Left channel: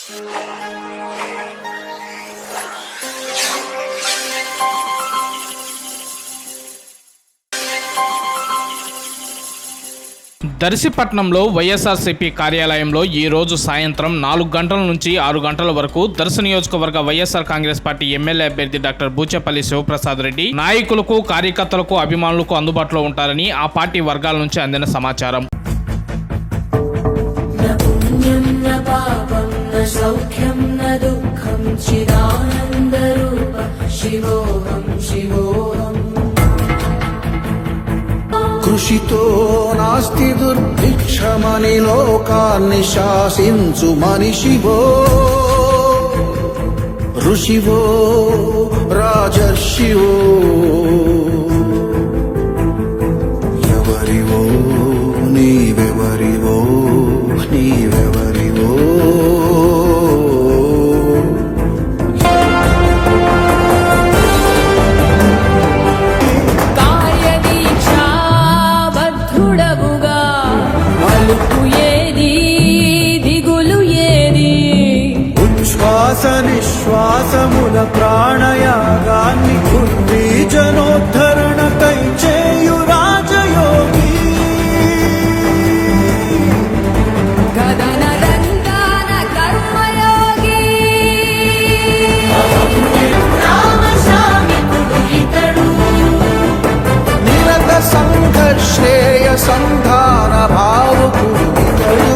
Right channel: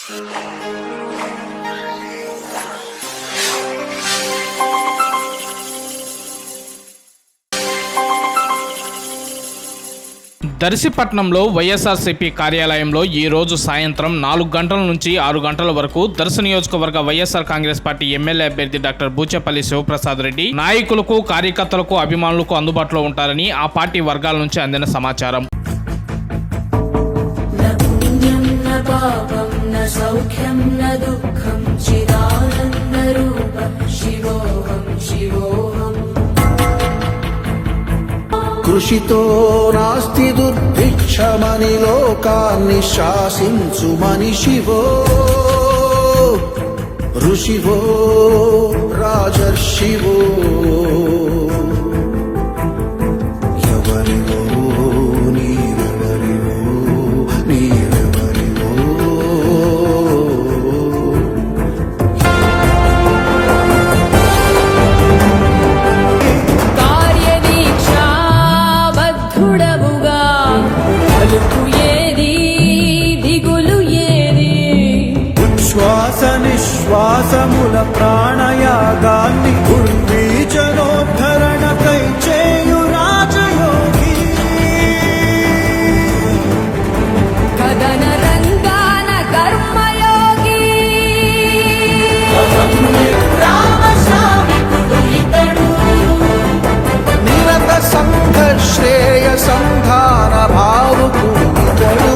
దర్శిపట్నంలో వైఎస్ఆర్సీపీ కార్యాలయంలో ఈ రోజు సాయంత్రం 4 గంటల నుంచి 6 గంటల వరకు దర్శి నియోజకవర్గ వైఎస్ఆర్ కాంగ్రెస్ పార్టీ ఎమ్మెల్యే అభ్యర్థి డాక్టర్ బూచేపల్లి శివప్రసాద్ రెడ్డి నాయకులకు, కార్యకర్తలకు, అభిమానులకు అందుబాటులో ఉంటారని ఆ పార్టీ వర్గాల నుంచి అందిన సమాచారం. కృషితో నాస్తి దుర్భిక్షమని లోకాన్ని శాసించు మనిషివో, ఋషివో, రాజర్షివో, ఎవరివో నీవెవరివో, నీవెవరివో. శ్వాసముల ప్రాణయాగాన్ని కుంటి జనోద్ధరణకై చేయు రాజయోగి. గగన రంగాన కర్మయోగి నిరత సంఘర్షేయ సంధాన భావుకుడు ఇతడు.